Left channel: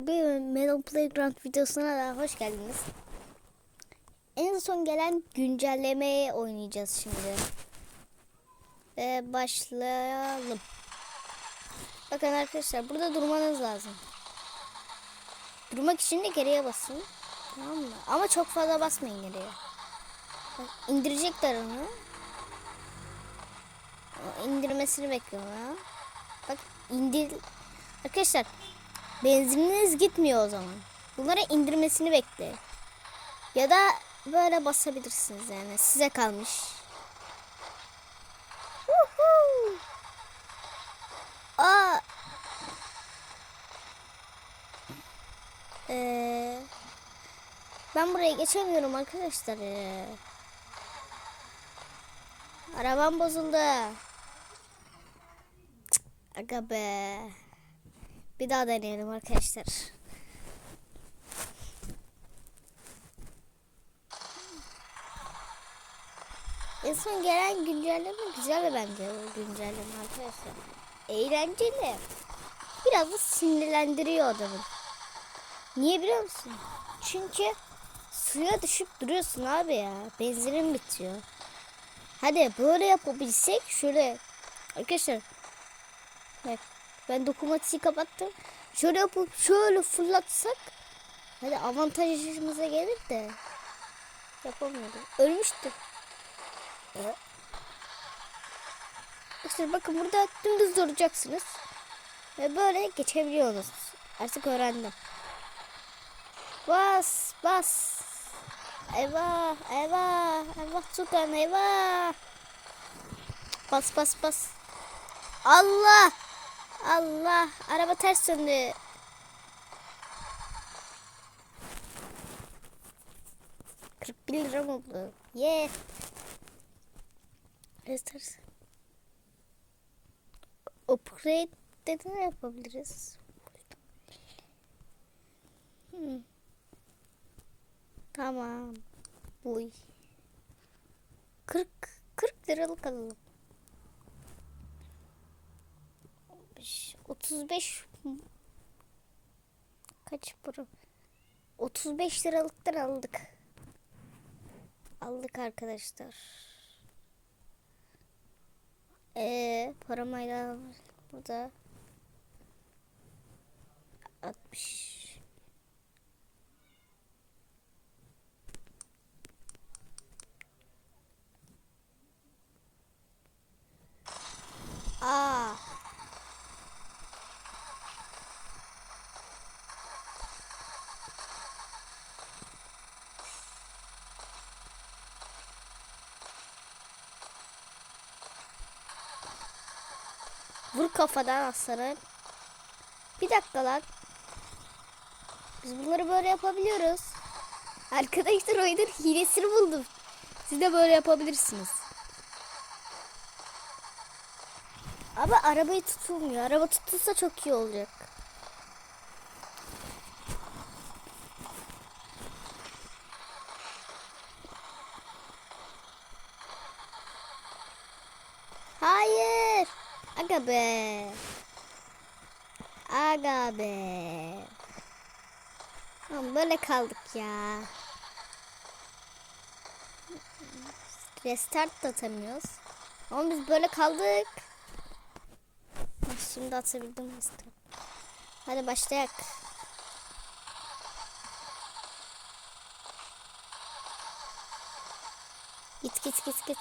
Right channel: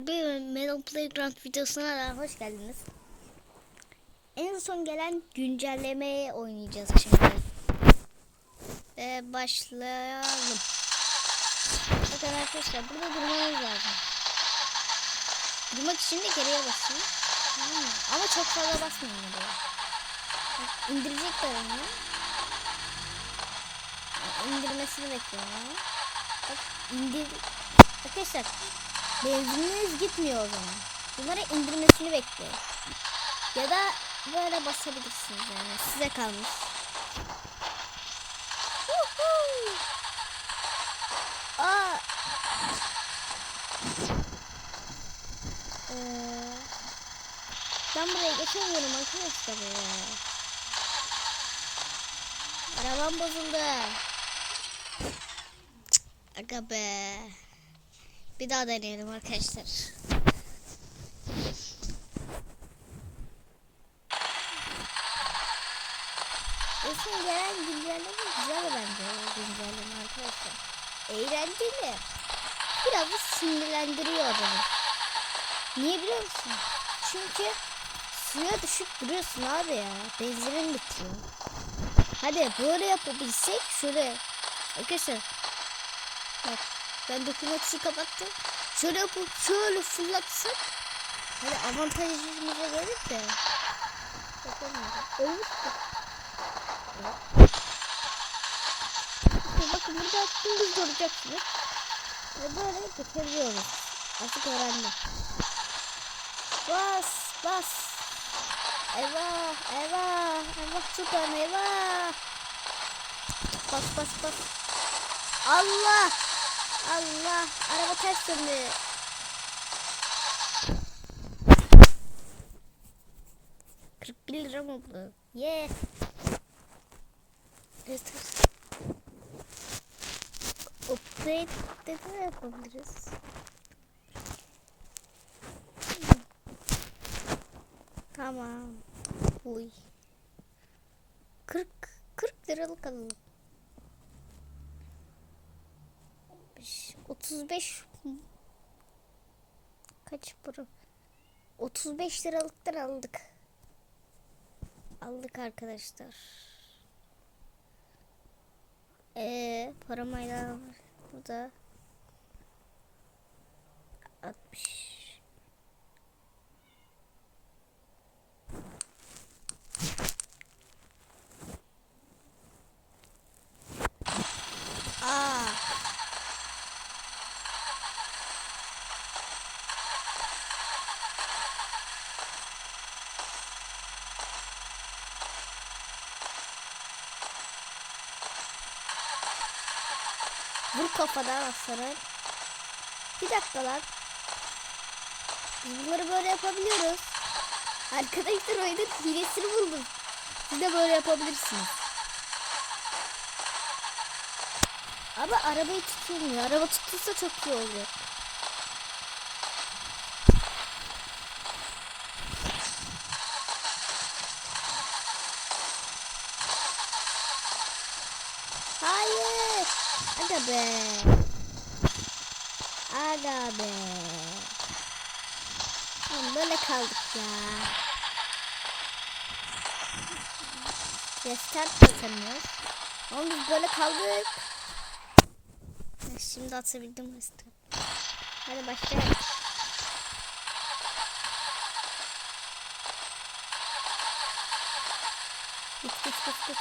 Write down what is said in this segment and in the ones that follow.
Bir Melon Playground videosuna da hoş geldiniz. En son gelen güncellemeye oynayacağız şimdi. Ve başlayalım. Bakın arkadaşlar burada durmanız lazım. Durmak için de geriye basın. Tamam mı? Ama çok fazla basmayın. Bak, İndirecekler onu. İndirmesini bekliyorlar. Bak indir. Arkadaşlar benzininiz gitmiyor o zaman. Bunları indirmesini bekleyin. Ya da böyle basabilirsiniz yani. Size kalmış. Aa. Ee, ben buraya geçemiyorum arkadaşlar ya. Arabam bozuldu. Cık, Aga be. Bir daha deneyelim arkadaşlar. En son gelen güncelleme güzel bence güncelleme arkadaşlar. Eğlenceli. Biraz da sinirlendiriyor adamı. Niye biliyor musun? Çünkü suya düşüp duruyorsun abi ya. Benzinin bitiyor. Hadi böyle yapabilsek şöyle. Arkadaşlar. Bak ben dokumatiği kapattım. Şöyle yapıp şöyle fırlatsak. Hadi avantajımıza gelir de. Yapamıyorum. Ölmüştük. Ya. İşte bakın burada dümdüz duracaksınız. Ve böyle geçebiliyoruz. Artık öğrendim. Bas bas. Eyvah eyvah eyvah şuradan eyvah. Bas bas bas. Allah. Allah. Araba ters döndü. Kırk bir lira mı bu? Ye. Evet. Upgrade de ne yapabiliriz? Tamam. Uy. 40 40 liralık alalım. 35 35 kaç para? 35 liralıktan aldık. Aldık arkadaşlar. Ee, paramayla burada 60 Aa. Vur kafadan aslanım. Bir dakika lan. Biz bunları böyle yapabiliyoruz. Arkadaşlar oyunun hilesini buldum. Siz de böyle yapabilirsiniz. Ama arabayı tutulmuyor. Araba tutulsa çok iyi olacak. Hayır. Aga be. Aga be. Tamam böyle kaldık ya. Restart atamıyoruz. Ama biz böyle kaldık. Şimdi atabildim restart. Hadi başlayalım. Git git git git.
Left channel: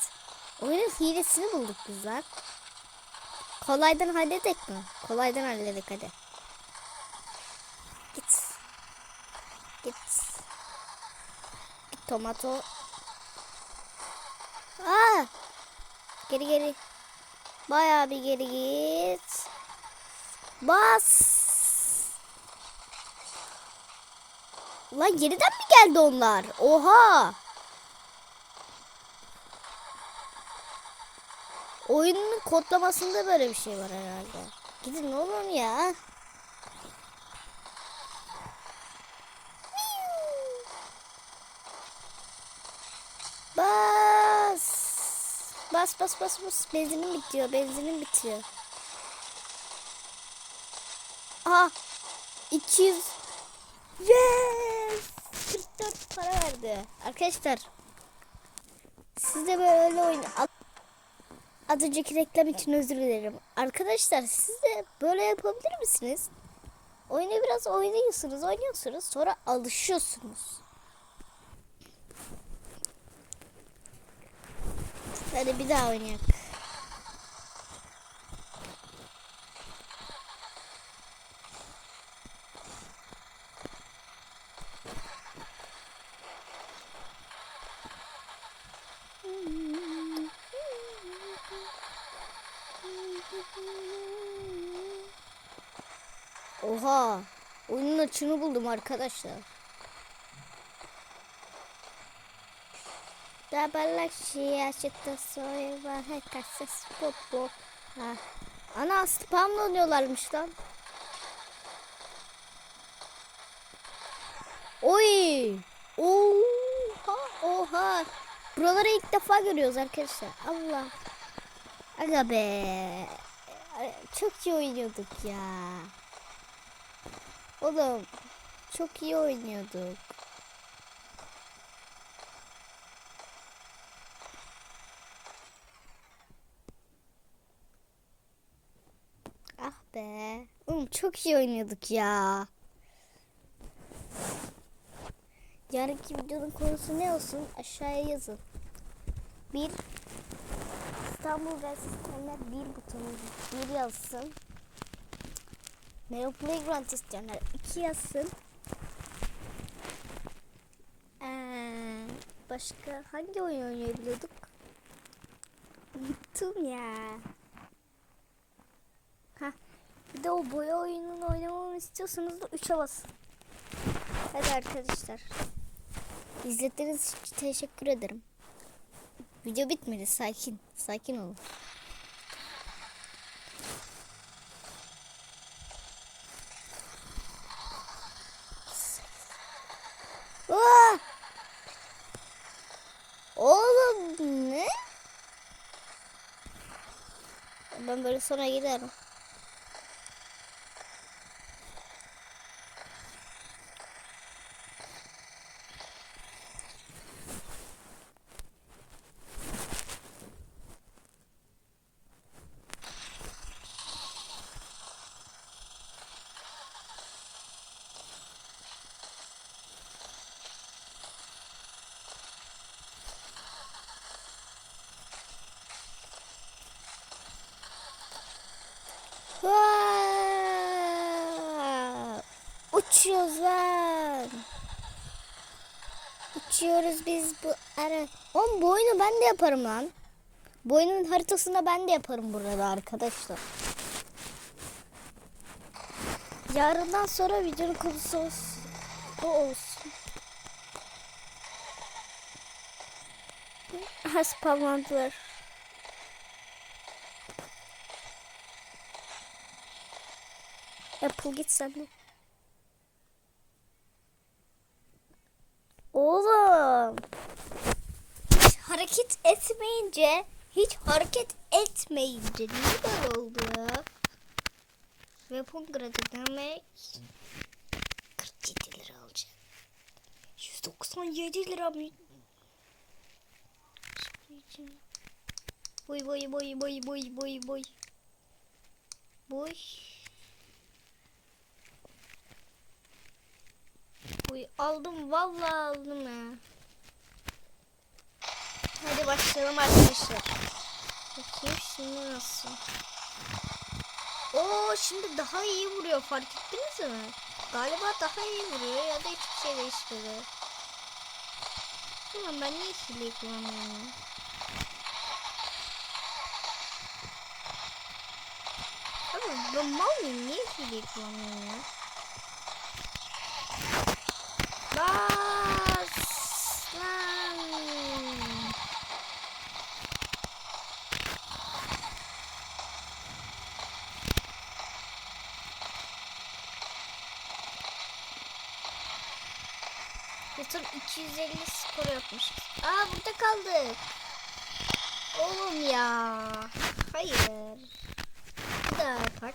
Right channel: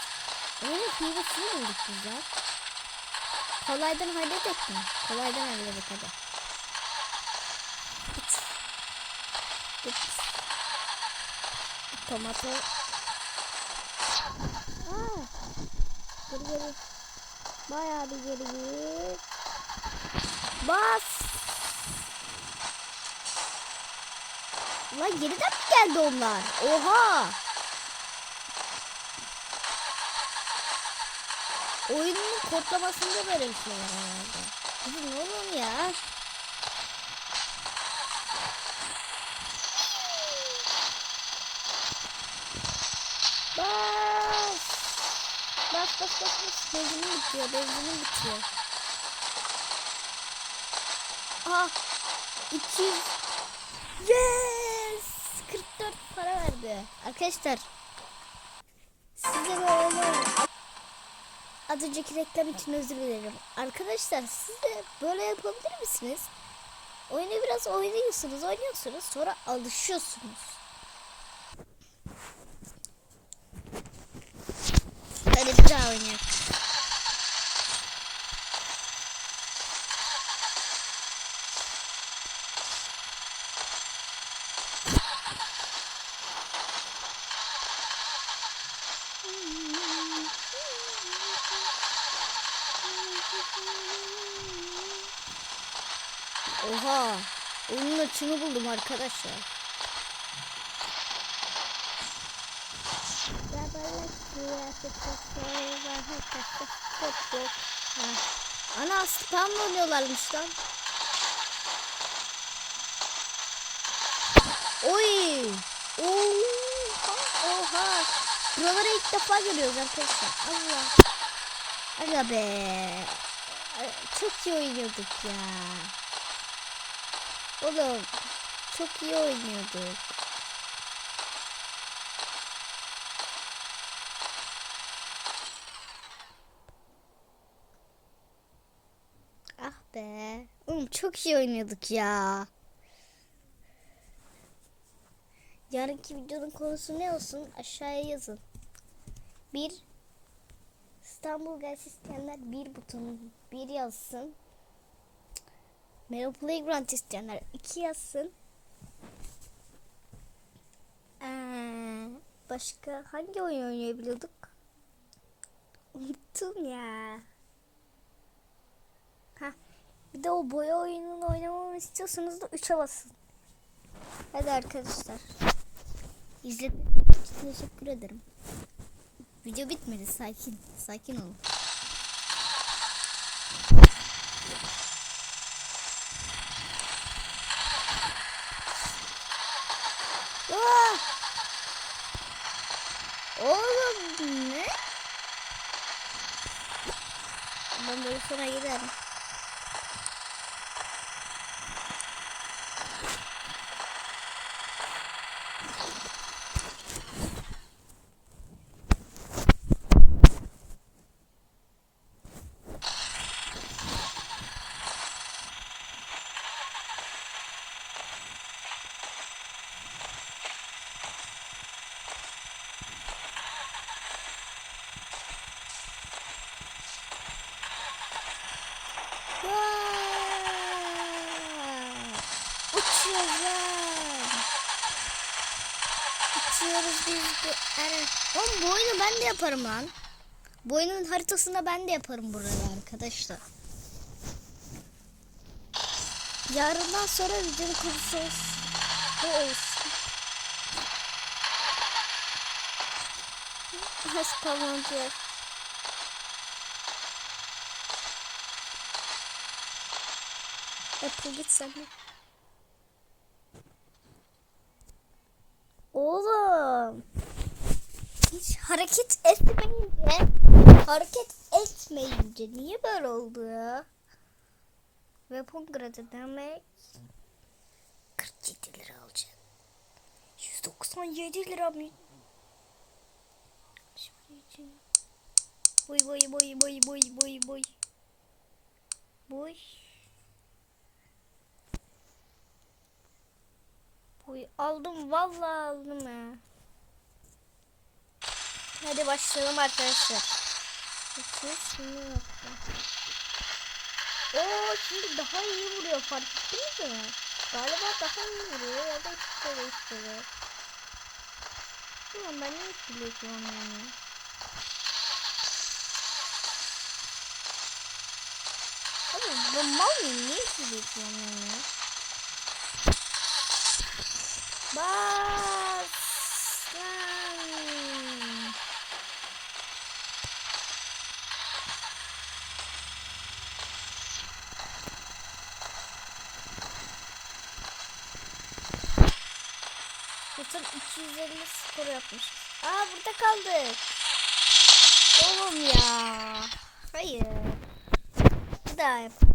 Oyunun hilesini bulduk güzel. Kolaydan halledik mi? Kolaydan halledik hadi. Git. Git. Git tomato. Aa! Geri geri. Bayağı bir geri git. Bas. Lan yeniden mi geldi onlar? Oha. Oyunun kodlamasında böyle bir şey var herhalde. Gidin oğlum ya. Bas. Bas bas bas bas. Benzinim bitiyor. Benzinim bitiyor. Aha. 200 Yes! 44 para verdi. Arkadaşlar size böyle az önceki reklam için özür dilerim. Arkadaşlar siz de böyle yapabilir misiniz? Oyunu biraz oynuyorsunuz, oynuyorsunuz sonra alışıyorsunuz. Hadi bir daha oynayalım. Oha! Oyunun açını buldum arkadaşlar. Dabalaşıya çıktı soyva hakası futbol. Ha. Ana spamla oynuyorlarmış lan. Oy! Oha! Oha! Buraları ilk defa görüyoruz arkadaşlar. Allah! Aga be! Çok iyi oynuyorduk ya. Oğlum çok iyi oynuyorduk. Ah be. Oğlum çok iyi oynuyorduk ya. Yarınki videonun konusu ne olsun? Aşağıya yazın. Bir İstanbul isteyenler bir butonu bir yazsın. Melo Playground isteyenler iki yazsın. Ee, başka hangi oyun oynayabiliyorduk? Unuttum ya. Ha, bir de o boya oyununu oynamamı istiyorsanız da 3'e basın. Hadi arkadaşlar. İzlediğiniz için teşekkür ederim. Video bitmedi. Sakin. Sakin olun. Aa! Oğlum ne? Ben böyle sonra giderim. Uçuyoruz lan. Uçuyoruz biz bu ara. Oğlum bu oyunu ben de yaparım lan. Bu oyunun haritasında ben de yaparım burada arkadaşlar. Yarından sonra videonun konusu olsun. Bu olsun. Ha spamlandılar. Apple git sen de. Oğlum. Hiç hareket etmeyince, hiç hareket etmeyince niye böyle oldu ya? Weapon gradı demek 47 lira alacağım. 197 lira mı? Boy boy boy boy boy boy boy. Boy. Uy aldım vallahi aldım ya. Hadi başlayalım arkadaşlar. Bakayım şimdi nasıl. Oo şimdi daha iyi vuruyor fark ettiniz mi? Galiba daha iyi vuruyor ya da hiçbir şey değişmedi. Ulan ben niye hileyi kullanmıyorum ya? Abi ben mal mıyım? Niye hileyi kullanmıyorum ya? Bas lan. Bütün 250 skor yapmış. Aa burada kaldık. Oğlum ya. Hayır. Bir daha yapar.